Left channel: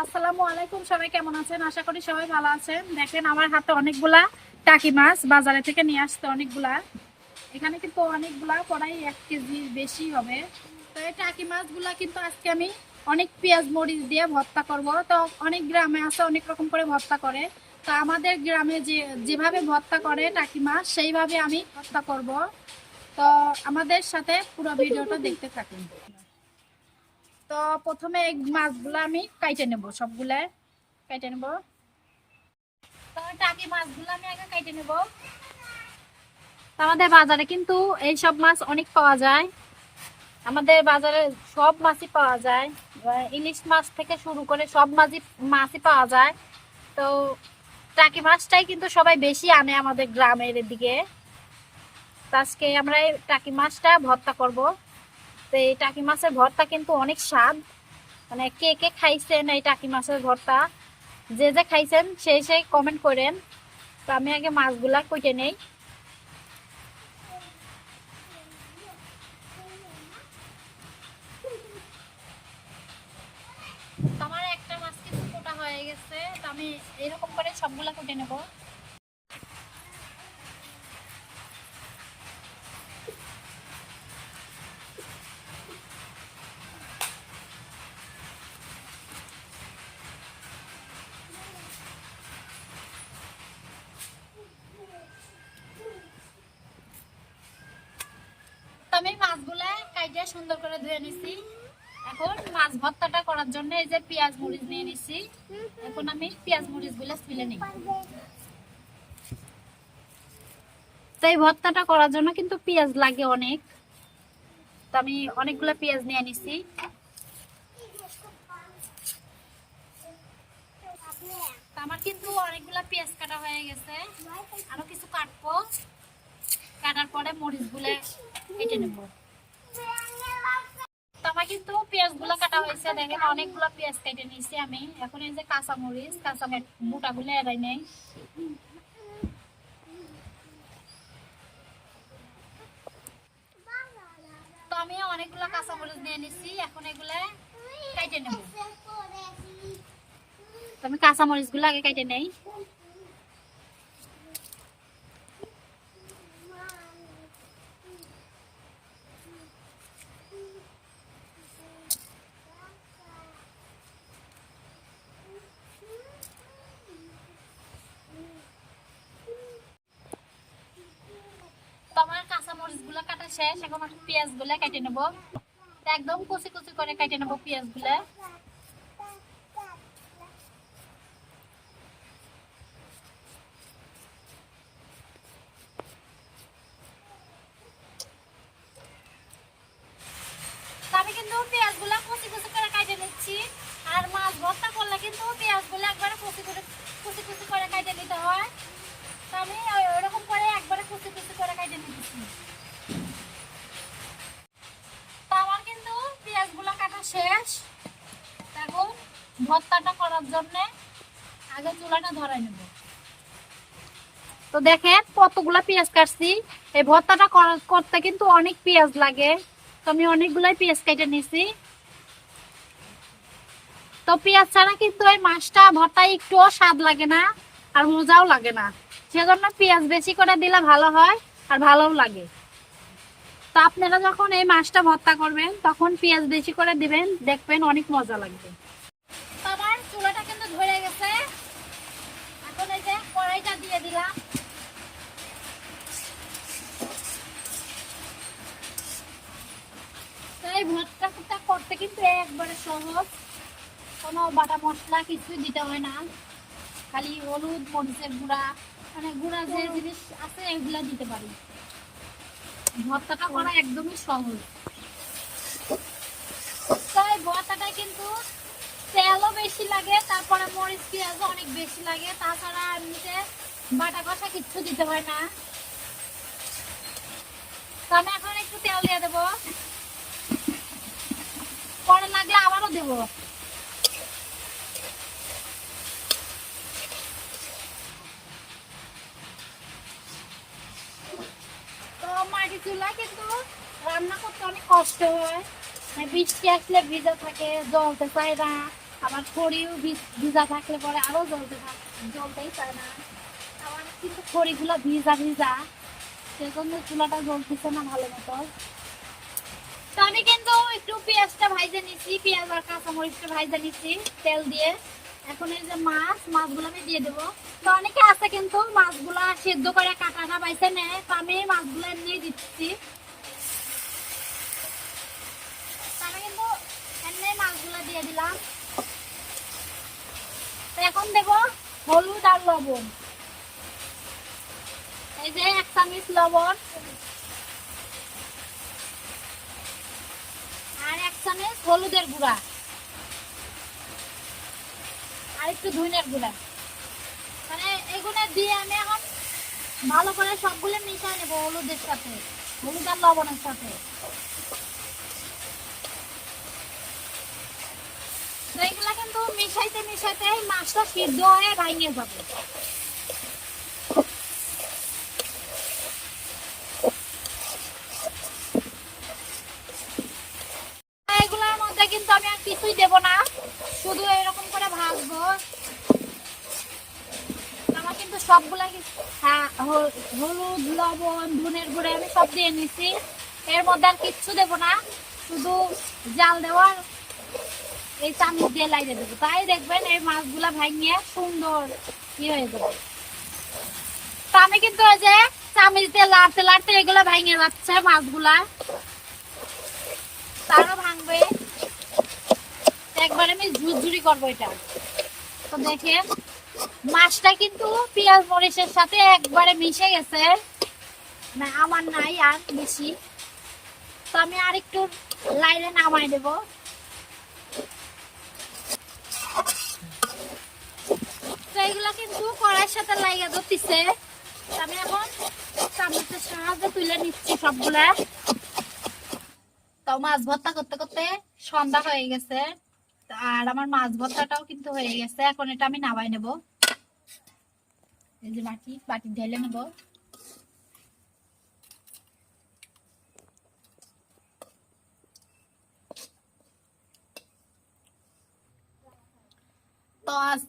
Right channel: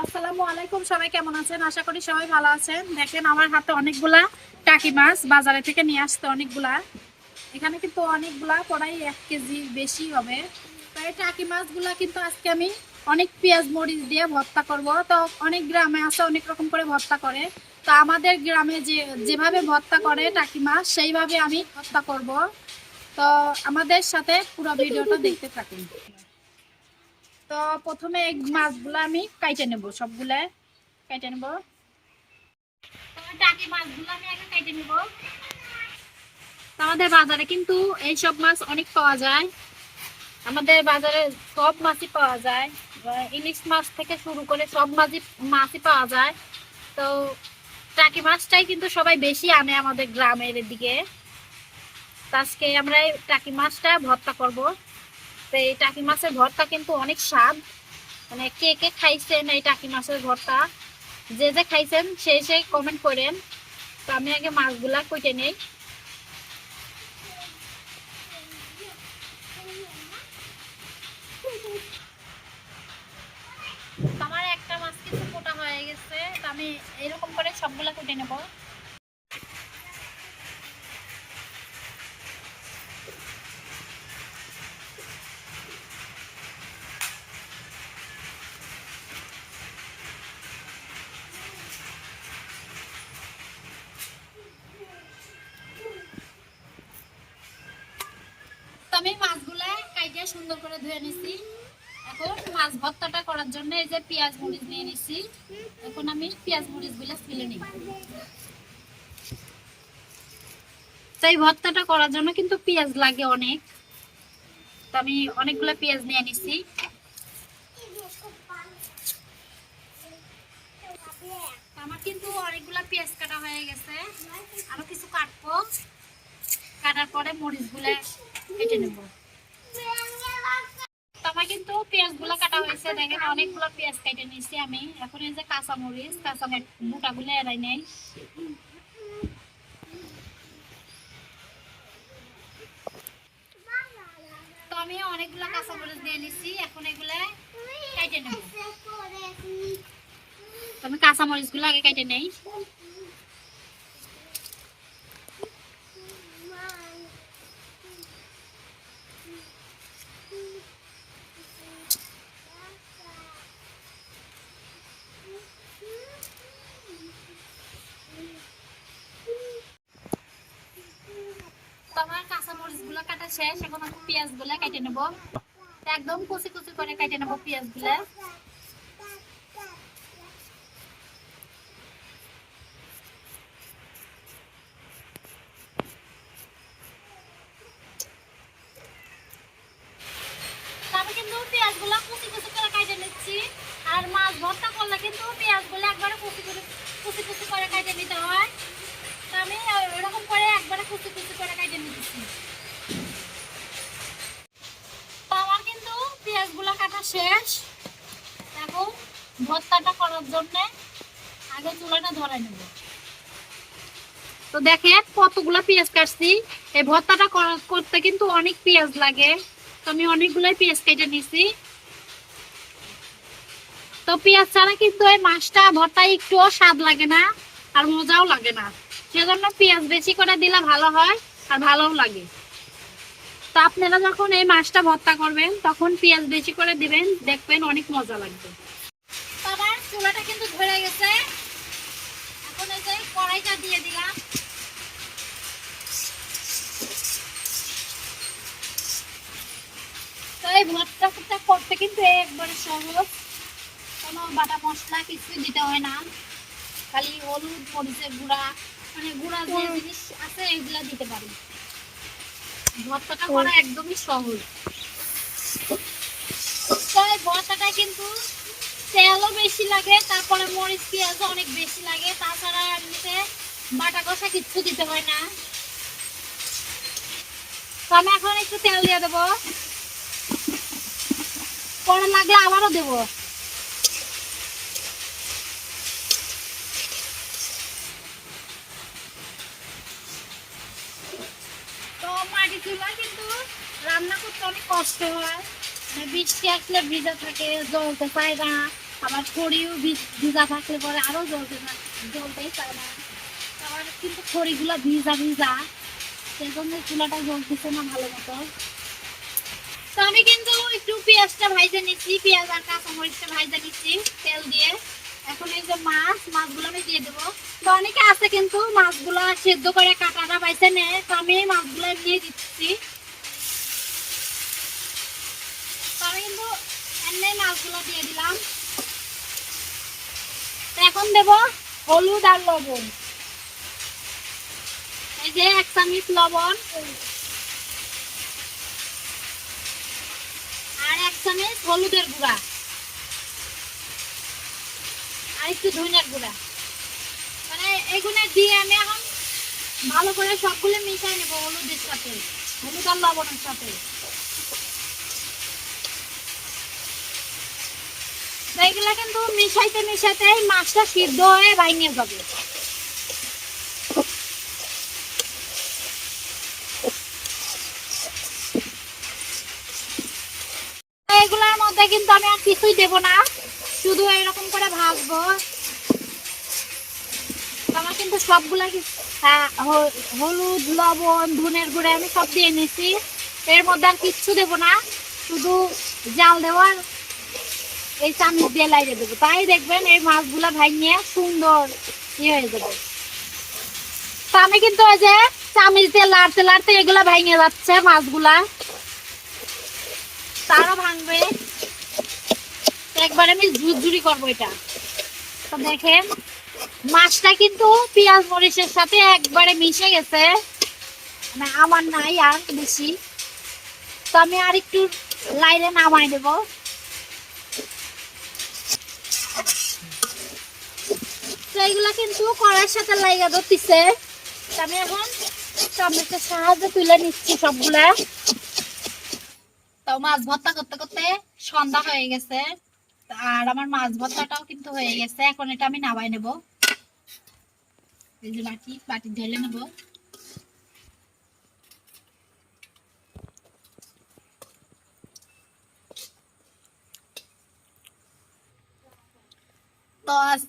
আসসালামু আলাইকুম, সবাই কেমন আছেন? আশা করি সবাই ভালো আছেন। দেখেন আমার হাতে অনেকগুলা টাকি মাছ বাজারে থেকে নিয়ে আসতে, অনেকগুলা। এখানে কিন্তু অনেকগুলা প্রায় 1 কেজি বেশি হবে। তো এই টাকি মাছগুলা কিন্তু আজকে আমি অনেক পেঁয়াজ মরিচ দিয়ে ভর্তা করব। তো অনেক গ্রামে আছে অনেক রকম করে ভর্তা করে। তো আমাদের গ্রামে যেভাবে ভর্তা করে টাকি মাছ, সেইভাবে আমি ভর্তা করব। তো আমাদের সাথে পুরো ভিডিওটা দেখতে থাকুন। তো প্রথমে এই মাছগুলো আমি কাইটে নেব, সবগুলা কেটে নেব। তো টাকি মাছগুলো আমি আগে কেটে নেব। আমাদের বাজারে কিন্তু এই সব মাছ অনেক পাওয়া যায়। আমাদের বাজারে সব মাছই পাওয়া যায়, ইলিশ মাছ থেকে শুরু করে সব মাছই পাওয়া যায়। তো টাকি মাছটাই কিন্তু সবাই বেশি আনে আমাদের গ্রামের দিকে। তো আজকে আমরা এই টাকি মাছটা ভর্তা করব। তো এই টাকি মাছের ভর্তা কিন্তু অনেক স্বাদ। মানে কে কে খাইছেন এই টাকি মাছের ভর্তা, যে যে খাইছেন সেই কমেন্ট করেন। তো আমি আগে মাছগুলা কেটে নেই। আমার একটা মাছ কিছু কোটা হয়ে গেছে, তো আমি এরকম করে সবগুলা কেটে নেব। তো আমি মাছগুলা কাইটে সুন্দর করে ধুয়ে নিছি। এখন মাছ ভর্তাটা করার জন্য এই যে পেঁয়াজ মরিচ নিয়ে নিছি। এখন আমি পেঁয়াজ মরিচ গুলা ফেলে নিই। তো এই ভর্তাটা করার জন্য কিন্তু পেঁয়াজ লাগে অনেক। তো আমি অনেকগুলা পেঁয়াজ নিয়ে নিছি। আমার কিন্তু অনেকগুলা পেঁয়াজ কাটা হয়ে গেছে, আরো কিছু কাটবো। কাটার পরে মরিচ গুলা কেটে নেব। আমার কিন্তু পেঁয়াজ গুলা কাটা হয়েছে, দেখেন অনেকগুলো পেঁয়াজ কেটে নিয়েছি আমি। এখন এই যে কাঁচা মরিচ মোটা গুলো এড়াই নেই। তো আমি অনেকগুলো কাঁচা মরিচ নিয়ে নিছি, এখন এগুলা কেটে নেব। তো আমি কাঁচা মরিচ গুলো আগে কেটে নেই। তো আমার কাঁচা মরিচ গুলো কাটা শেষ, এখন আমি পেঁয়াজ গুলা কেটে নেব। একদম কুচি কুচি করে কেটে নেব পেঁয়াজ গুলা। আমি কিন্তু পেঁয়াজ গুলা কুচি কুচি করে কেটে নিচ্ছি। আর মাছ ভর্তা করলে কিন্তু পেঁয়াজ গুলা একবারে কুচি কুচি করে কেটে নিতে হয়। তো আমি এরকম করে একবারে কুচি কুচি করে কেটে নিতেছি। তো আমার কিন্তু পেঁয়াজ গুলা কাটা শেষ। এখন ভর্তাটা করার জন্য আগে চুলাটা ধরাই নেব। তো দেখেন কতগুলা পেঁয়াজ কাটছি। এই ভর্তাটা করতে কিন্তু অনেক পেঁয়াজ লাগে। তো আমি অনেকগুলাই পেঁয়াজ কেটে নিছি। তো পেঁয়াজ ছাড়া কিন্তু এই মাছটা ভর্তা একটুও স্বাদ লাগে না, আর মজাও লাগে না। সেজন্য পেঁয়াজ বেশি করে দিলে ভালো হয়, আর ভালোও লাগে। তো আপনারা যখন এই মাছটা ভর্তা করবেন তখন পেঁয়াজ বেশি করে দিবেন, দেখবেন অনেক মজা লাগবে। আমার চুলাটা কিন্তু ধরে গেছে। এখন এই যে কড়াইটা দিয়ে দিলাম। তো এই ভর্তাটা করতে কিন্তু একবারে সহজ, কোনো বাটা মশলা কিছুই দিতে হয় না। খালি হলুদ মরিচের গুঁড়া, মানে গুঁড়া যে জিনিস আছে এগুলা দিতে পারি। ভর্তাটা করা একদমই সহজ। তো এই ভর্তাটা কিন্তু তেলও বেশি লাগে, তারপরে মরিচ পেঁয়াজও অনেক বেশি লাগে। তাছাড়া এমনিতে বাটা কষা কিচ্ছু দিতে হয় না। তো আমি এখন একটু তেল দিয়ে দেবো, পরে লাগলে আবারও দেবো। তো মাটি চুলা কিন্তু রান্না করতে অনেক কষ্ট হয়, বৃষ্টি আসলে ভিজা থাকে, জ্বলতে চায় না। আবার খড়িও ভিজা থাকলে পরে আরো জ্বলতেই চায় না। আমার কিন্তু খড়িগুলো ভিজা ভিজা, সেজন্য চুলাটা জ্বলতেছে না ভালো মতো। তো আমি কিন্তু একটু পেঁয়াজটা ভাইজে নিচ্ছি, পেঁয়াজ আর কাঁচামরিচটা ভাইজে নিচ্ছি তেল দিয়ে। এখন এই যে মাছগুলো আমি দিয়ে দেবো। তো অনেকে আছে কিন্তু মাছগুলো সেদ্ধ করে কাটাটা বাইছে নেয়, তো আমি এই মাছগুলো নিয়ে দিচ্ছি। তো আমি কিন্তু এমনি মাছগুলো দিয়ে দিলাম। তো এখন দেব হলুদ আর লবণ। এই যে 1 চামচ লবণ আর 1 চামচ হলুদের গুঁড়া আর একটু ধনিয়ার গুঁড়া। মানে এগুলো দিয়ে আমি এখন ভালো করে সবগুলো মিশিয়ে নেব হলুদের সাথে, হলুদ আর লবণের সাথে। এগুলা কিন্তু মিশাইতে মিশাইতে মাছটা সিদ্ধ হয়ে ভেঙে যাবে। এগুলার মধ্যে কিন্তু আমি আর কিছুই দেব না, শুধু এরকম করে ভাজবো। আমার কিন্তু সবগুলা হলুদ লবণ ধনের গুঁড়া আমি সব দিয়ে নিছি, এর মধ্যে আর কিচ্ছু দেবো না, শুধু জাল দেওয়ার এই চামচ দিয়ে লাগিয়ে দেবো। তাই দেখবেন এই মাছগুলা ভাঙিয়ে সুন্দর হয়ে যাবে। তো আমি কিন্তু এই যে চামচ দিয়ে লাড়তে লাড়তে এগুলা ভেঙে যাচ্ছে মাছগুলা, তারও ভাঙবে। একবার আমি ঝুরঝুরি করবো এটা। তো দেখেন মাছটা কিন্তু পেঁয়াজ মরিচের সাথে একবারে মিশে গেছে, মানে আমার নাই আর বেশি। তো আমি আর একটু লাইরে নামাই দেব। তো এইগুলা কিন্তু কড়াইয়ের সাথে লাইগা ধরতেছে, আমি এখন চামচের সাহায্যে তুলে নিচ্ছি সবগুলা। তো মাছ ভর্তা করতে করতে সন্ধ্যা হয়ে গেছে, আর আমার মাছ ভর্তাটাও কিন্তু হয়ে গেছে। এখন এটা আমি নামাই নেব। এই যে বাটি ঢেলে নেব। তো আজ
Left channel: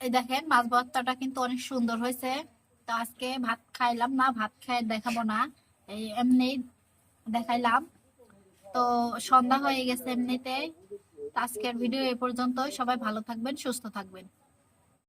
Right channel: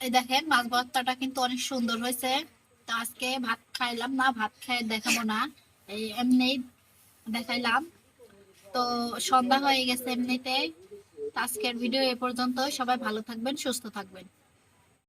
এই দেখেন মাছ ভর্তাটা কিন্তু অনেক সুন্দর হয়েছে। তো আজকে ভাত খাইলাম না, ভাত খাই দেখাবো না, এই এমনি দেখাইলাম। তো সন্ধ্যা হয়ে গেছে এমনিতে। আজকের ভিডিও এ পর্যন্ত। সবাই ভালো থাকবেন, সুস্থ থাকবেন।